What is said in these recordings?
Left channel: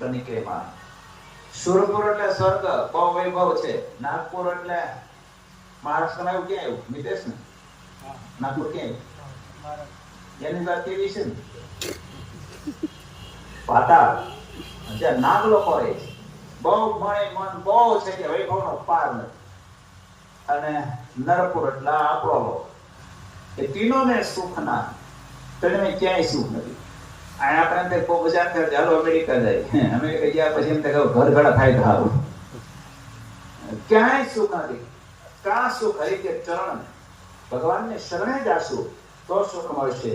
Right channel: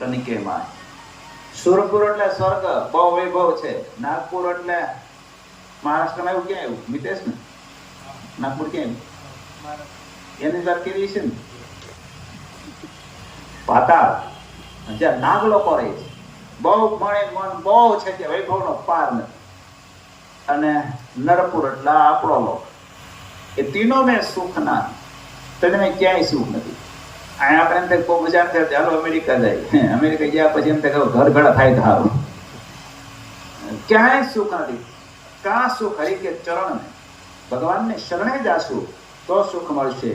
તનિકેમાં સુરપુર એટલે સ્વર્ગ, બહુ વૈભવ છે. નાગપુર એટલે મહારાષ્ટ્રમાં એવું ક્યાં આવ્યું મિતેશ ને? નાગપુર ક્યાં આવ્યું? એની જાત કેવી છે ને પાતાળ, જ્યાં નાગ લોકો રહે છે. બહુ મણી મન બહુ છે કે વૈભવનો પાર નથી. અને નરપુર એટલે આપણો લોક. એ તીનો મેં સુખ ના, તને ક્યાંય સુખ નથી. આપણે એમ કોઈ મજા થાય ચાલો અમેરિકા જાય, અમેરિકા ગયા પછી એમ થાય ઘર ઘડા થાય થાવ, ક્યાંય સુખ નથી. કા સુખ હરી કે ચરણ ને ભગવાનને શરણે જાશું તો સુખ મળશે,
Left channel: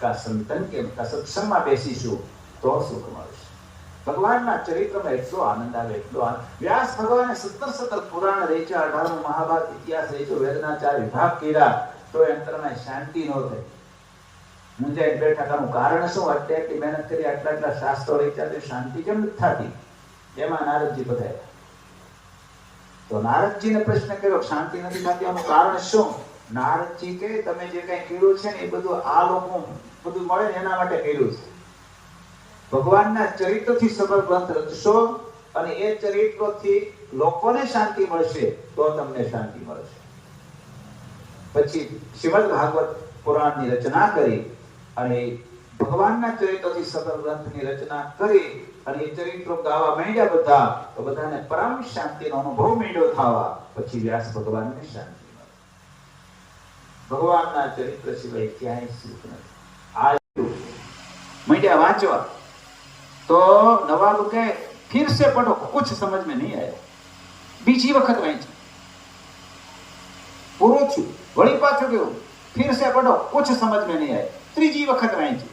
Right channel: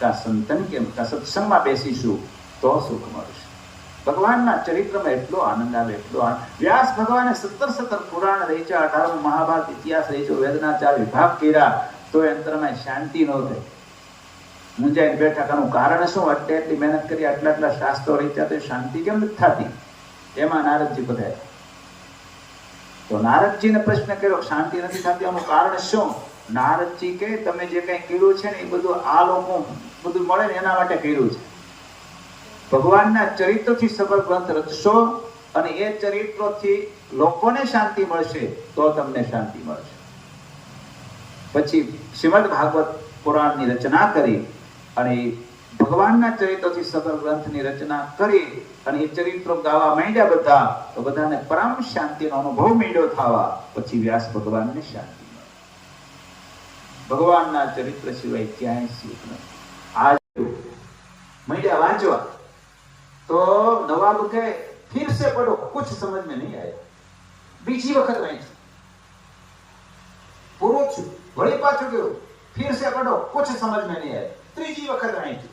કા સંતન કેમ કા સત્સંગમાં બેસીશું તો સુખ મળશે. ભગવાનના ચરિત્રમાં એટલો આનંદ આવે, એટલો આનંદ. વ્યાસ ભગવાને 17 પુરાણ રચ્યા, 18 મહાભારત ઇતિહાસ રચ્યો, વેદના 4 વિભાગ કર્યા, તો અંતરમાં શાંતિ ન થઈ. મુંજાઈ બેઠા. કાનું કારણ શું? એટલી મહેનત કરી, આટલા શાસ્ત્રો રચ્યા, તો શાંતિ કેમ નથી થતી? એમાં નારદજી બધા. તો નારદજીને પ્રશ્ન કર્યો, શાંતિ નથી થતી, આનું કારણ શું? નારદજી કે તમે જે કઈ કર્યું છે ને એ બધું આ લોકો બધું મળે ને એના માટે કર્યું છે. ભગવાનના ચરિત્રથી સમગ્ર ગ્રંથ રચશો અને એ ચરિત્રથી લોકોને શાંતિ મળશે તો તમને શાંતિ મળશે. પછી શ્રીમદ ભાગવત પુરાણની રચના કરી અને ભગવાનના ચરિત્રથી સગળ ગ્રંથની રચના કરી અને એ ચરિત્રો ગાવા માંડ્યા બધા, તો બધાને પરમ શાંતિનો અનુભવ માંડ્યો થવા. પછી વ્યાસ ભગવાનને શાંતિ મળી. ભગવાનના ચરિત્ર સિવાય ક્યાંય સુખ નથી. આ માંડ્યા વાંચવા તો નવાબ કે ફિર સે પઢો, કુછ સમજ में नहीं आया. બીજી વખત વાંચ્યું, પૂરું થયું, વળી પાછું ગયું, ફિર સે પઢો, કુછ સમજ में नहीं आया. ત્રીજી વખત વાંચ્યું.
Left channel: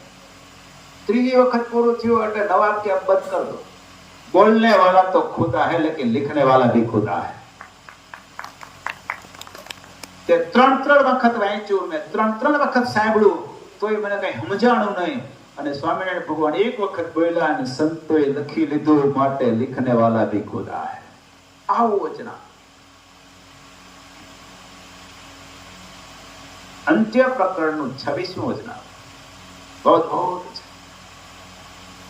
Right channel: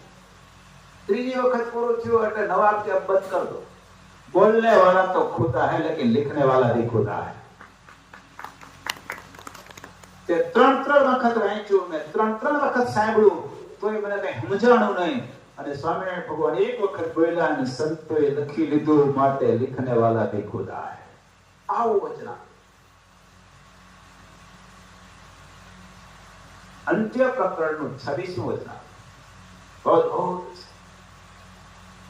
ત્રીજી વખત પૂરું થયું એટલે નવાબ કે अब बंद कर दो, बोलने वाला तो खुदा है लेकिन लिखने वाला भी खुदा है. તે ત્રણ વખત વાંચ્યું, મેં ત્રણ વખત સાંભળ્યું, તોય મને કઈ સમજાણું નહીં. અને સ્વામિનારાયણ ભગવાન એક વખત બોલ્યા અને સંતોએ લખી લીધું, માટે लिखने वाला भी खुदा है. આવું વચન. અંત્ય પ્રકરણનું 26મું વચન. બહુ છે.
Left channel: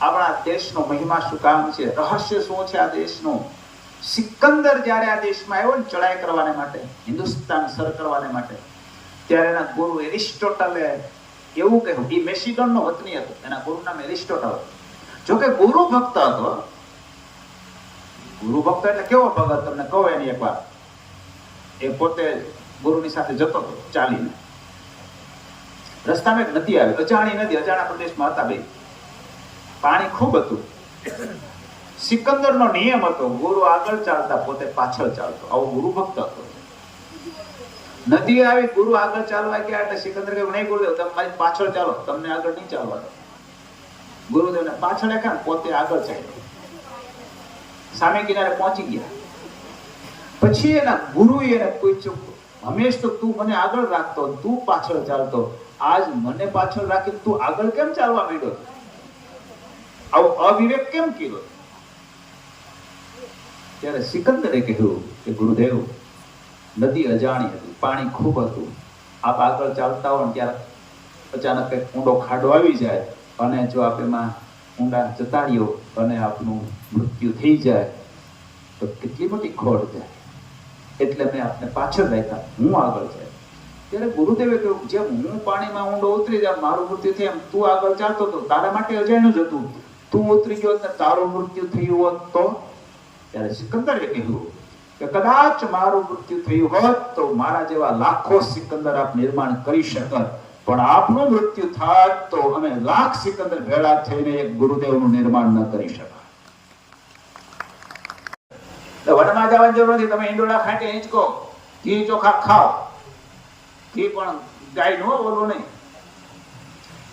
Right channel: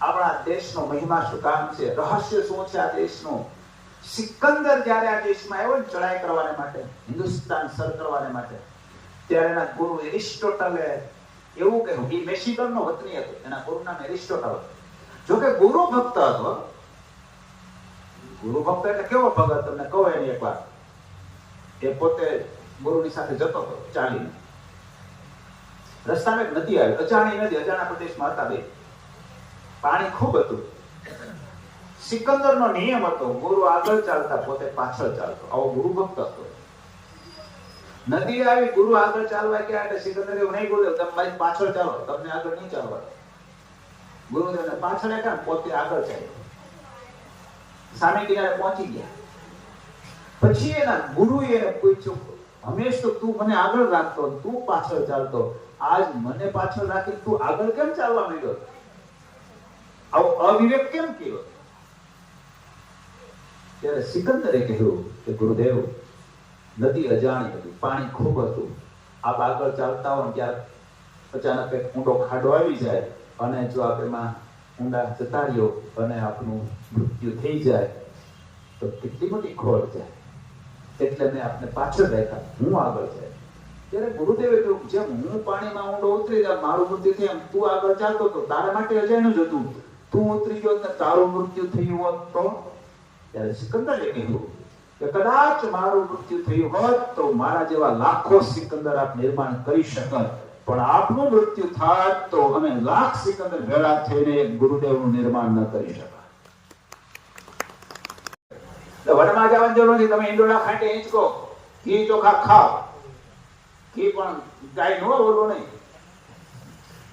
આપણા દેશનો મહિમા શું કામ છે, રહસ્ય શું છે આ દેશનું? સિકંદર જ્યારે આ દેશમાં આવ્યો ને ચડાઈ કરવાને માટે, હિન્દુસ્તાન સર કરવાને માટે, ત્યારે એના ગુરુ એરિસ્ટોટલે એવું કહ્યું. એ મેસિડોનનો વતની હતો, એના ગુરુ નામ એરિસ્ટોટલ. જોકે ગુરુ ભક્ત હતો. ગુરુ ભક્ત એટલે કેવો ભગત તમને કહો એની એક વાત. એ પોતે ગુરુની સાથે જતો હતો ચાલીને. રસ્તામાં એક નદી આવી, અજાણી નદી, અજાણા પ્રદેશમાં હતા બે. પાણી ખૂબ હતું. સિકંદરનો નિયમ હતો, ગુરુ આગળ ચાલતા, પોતે પાછળ ચાલતો. આવો ગુરુ ભક્ત હતો. નદી આવી, ગુરુ આગળ ચાલવા ગયા એટલે સિકંદર કે નહીં ગુરુદેવ તમે મારી પાછળ ચાલો, તમને આગળ નહીં ચાલવા. ગુરુદેવને પાછળ રાખ્યા, પોતે આગળ ચાલ્યો. સામે કિનારે પહોંચી ગયા. પછી એના ગુરુએ એને પૂછ્યું, હંમેશ તો તું મને આગળ રાખતો, તું પાછળ ચાલતો, આજ મને પાછળ રાખી તું આગળ કેમ ચાલવા માંડ્યો? આવો અવિવેક કેમ કર્યો? ત્યારે સિકંદરે કહ્યું કે ગુરુદેવ, નદી અજાણી હતી, પાણી ખૂબ હતું. આપ આગળ ચાલતા હો ત્યારે અચાનક કંઈક ઊંડો ખાડો આવી જાય અને જો આપ એમાં ઊંડા જતા રહ્યો અને આપનું મૃત્યુ થઈ જાય તો કેટલી મોટી ખોટ જાય. એટલે મેં આપને પાછળ રાખ્યા, હું આગળ જાય. ત્યારે ગુરુદેવે કહ્યું, જેમ હું પાણીમાં ઊંડો ઉતરી જાઉં મારું મૃત્યુ થયું, એમ તું આગળ ચાલતો હતો, તારા માટે અજાણ્યું જ હતું. તું ઉતરી ગયો ને તારું મૃત્યુ થયું હોત તો? ત્યારે સિકંદરે કહ્યું કે કદાચ મારું મૃત્યુ થયું હોત તો મારા જેવા લાખો સિકંદર આપ નિર્માણ કરી શકત, પણ આપનું મૃત્યુ થાત તો અમે લાખ સિકંદર ભેળા થઈને એક ગુરુદેવનું નિર્માણ ન કરી શકા. તો વનમાં જવાની જરૂર નથી. તમે ઈંડોળા ખાટે હિંચકો, ઘી ચોખા ખાઓ. ઘી પણ ગાય નો ઓલું નહીં.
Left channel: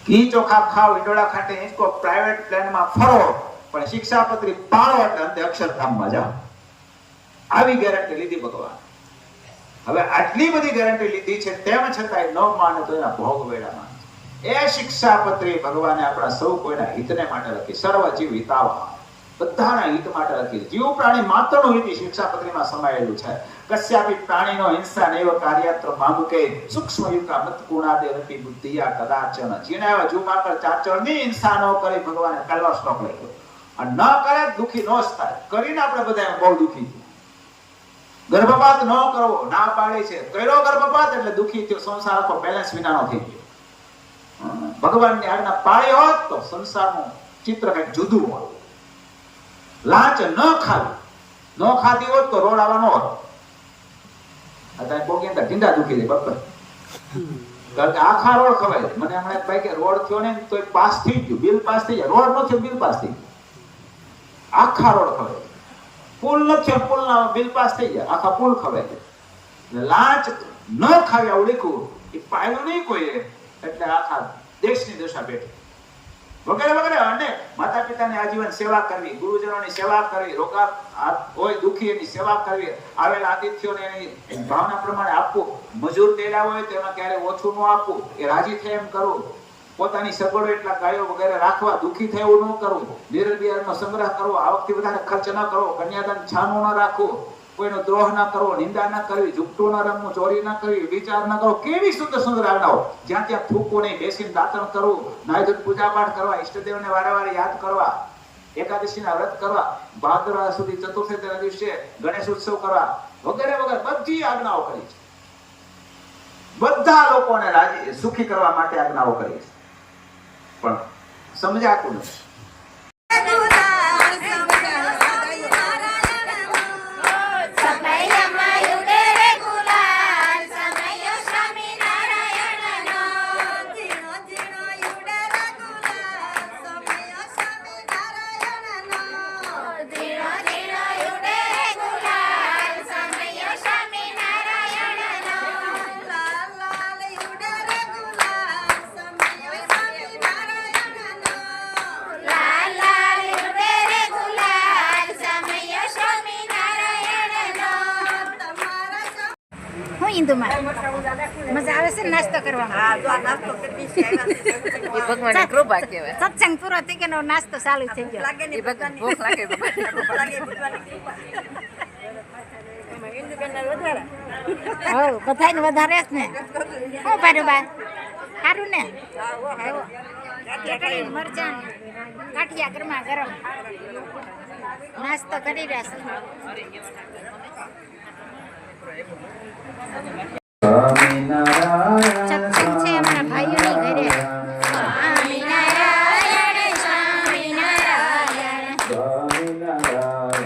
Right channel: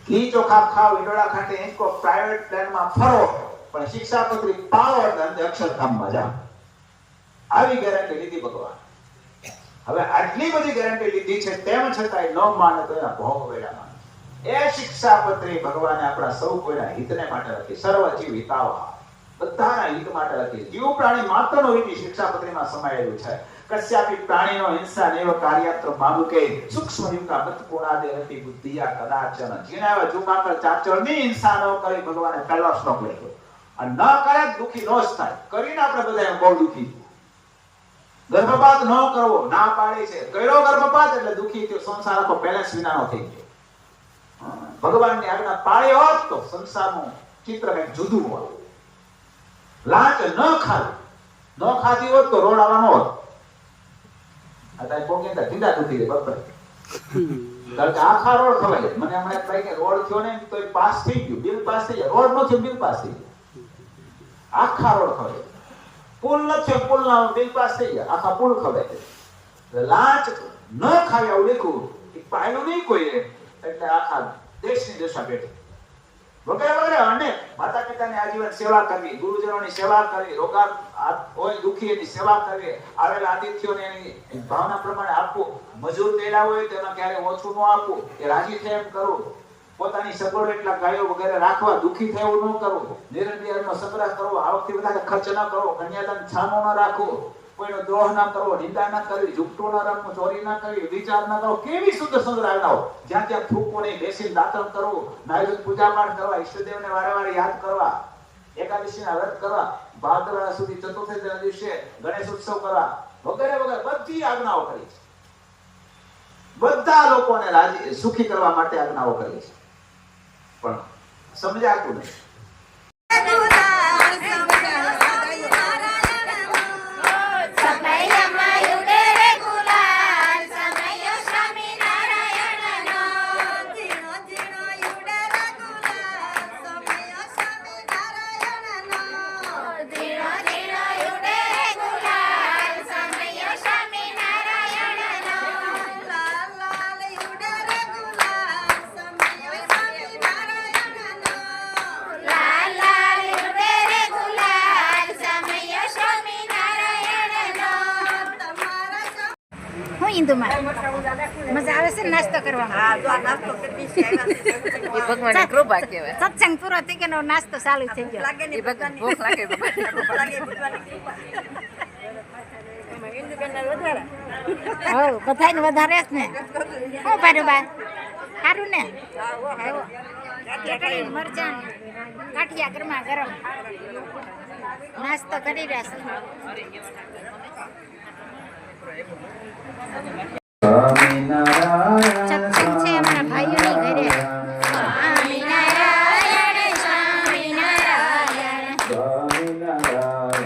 ઘી ચોખા ખાઓ, ઈંડોળા ખાટે હિંચકો, પ્રાઇવેટ પ્લેનમાં ફરો, પણ શિક્ષાપત્રી પાડો એટલે અંતે અક્ષરધામમાં જાઓ. આવી ગેરંટી લીધી ભગવાન. હવે આટલી બધી ગેરંટી લીધી છે, તેમ છતાંય ન માને તો એના ભોગ વેડા માને. એ શિક્ષાપત્રી ભગવાને આપણા સૌ કોઈના હિતને માટે લખી. સર્વ જીવ હિતાવહ, બધાના હિત માટે લખી. જીવ પ્રાણી માત્રનું હિત શિક્ષાપત્રીમાં સમાયેલું છે. કસ્યાપી પ્રાણીનો હિંસા નૈવ કાર્યત્ર મામુકે સૂક્ષ્મ યુક્તા મત ગુણાદેવતી બુદ્ધિયા કદાચન. જીણે એવા જીવ માત્ર ચાચળની હિંસા ન કરી ભગવાને પહેલો શ્લોક લખ્યો. અને ન કરે દુખી ન જ થાય. કરીને આપણે બધા બહુ દુખી થયું. ગર્ભપાત ન કરવો ના પાડે છે. કર્યો ગર્ભપાત એટલે દુખી થયો. સંસાર તો બેલેન્સ વિનાનો થઈ ગયો. ભગવાનની આજ્ઞા પાળી હોત તો સંસારનું ચિત્ર કંઈક જુદું હોત. લાંચ ન ખાવી, ન ખાધી હોત તો રોડ આવવાનો હોત. અત્યારે પોગી અંદર ઢીંડા દુખી દે બરાબર. કારણ કે આખા રોડ ખવાય. મને હમણાં એક ભાઈ કે રોડ થયો ને તો પાસ થઈ ગયું, બિલ પાસ થઈ જાય. રોડ નો થયો બિલ પાસ થઈ ગયું. આખા રોડ ખવાય. પુલ નથી, પુલ બિલ પાસ થઈ જાય. આખા પુલ ખવાય. લાંચ ન ખાવી આવું લખ્યું એ પાયું નહીં કોઈ, એટલે આખા દેશની દશા બેઠી. વગેરે વગેરે અનેક માતા પિતાની આજીવન સેવા કરવી, ગુરુજનોની સેવા કરવી, રોગા હોય દુખી એની સેવા કરવી, આવેલા આતિથ્યોને એની ભાવના પ્રમાણે આપવું, મજૂર દેડા હોય તેમાં ક્યારે ઓછું ન આપવું, એ રાજી થાય એમ કરવું, પોતાની સગવડો એટલા ગાયો વગેરે રાખવા, દુખી થાય એવું ન કરવું, નિરંબિયારનો સંગ્રહ કરવો, આવકથી વધારે ખર્ચ ન કરવો, કન્યાદાન છાનું ન રાખવું, કોઈનો દ્રોહ ન કરવો, નિંદા ન કરવી, ઝૂઠું ન રમવું, ચોરી ન કરવી, વિચાર ન કરવો. કેવી સુંદર સુંદર આજ્ઞાઓ. જ્યાં ત્યાં થૂકવું નહીં, બેસીને દાંતણ કરવું, નાયદુર પૂજા પાઠ કરવા, ઈષ્ટદેવને વારે વારે યાદ કરવા, એકાદશીના વ્રત કરવા, ભાદરવા સુધી ચતુર્થીના દિવસે ગણેશ ઉત્સવ કરવા, વગેરે વગેરે બધી આજ્ઞાઓ કરી છે. બધા લોકોને રાજી સુખી કરવા માટે આજ્ઞાઓ કરી છે. પણ સમજાતું નથી. મજા આવે છે નાસ્તો કરવામાં. ભગવાનની કૃપા કહેવાય. સત્સંગ પૂરો થઈ ગયો, નાસ્તો ચાલુ થઈ ગયો. એ ભગવાન ભૂખ લાગે બધાને વધારે જ ને. હું પાડું બા સારું ને. ચટણી મરચાં કાઠિયા ગરમા ગરમ નાસ્તો કરી રહ્યા છે. સત્સંગ છે અમારા ભાઈઓની ઘરે. સ્વામિનારાયણ સ્વામિનારાયણ સ્વામિનારાયણ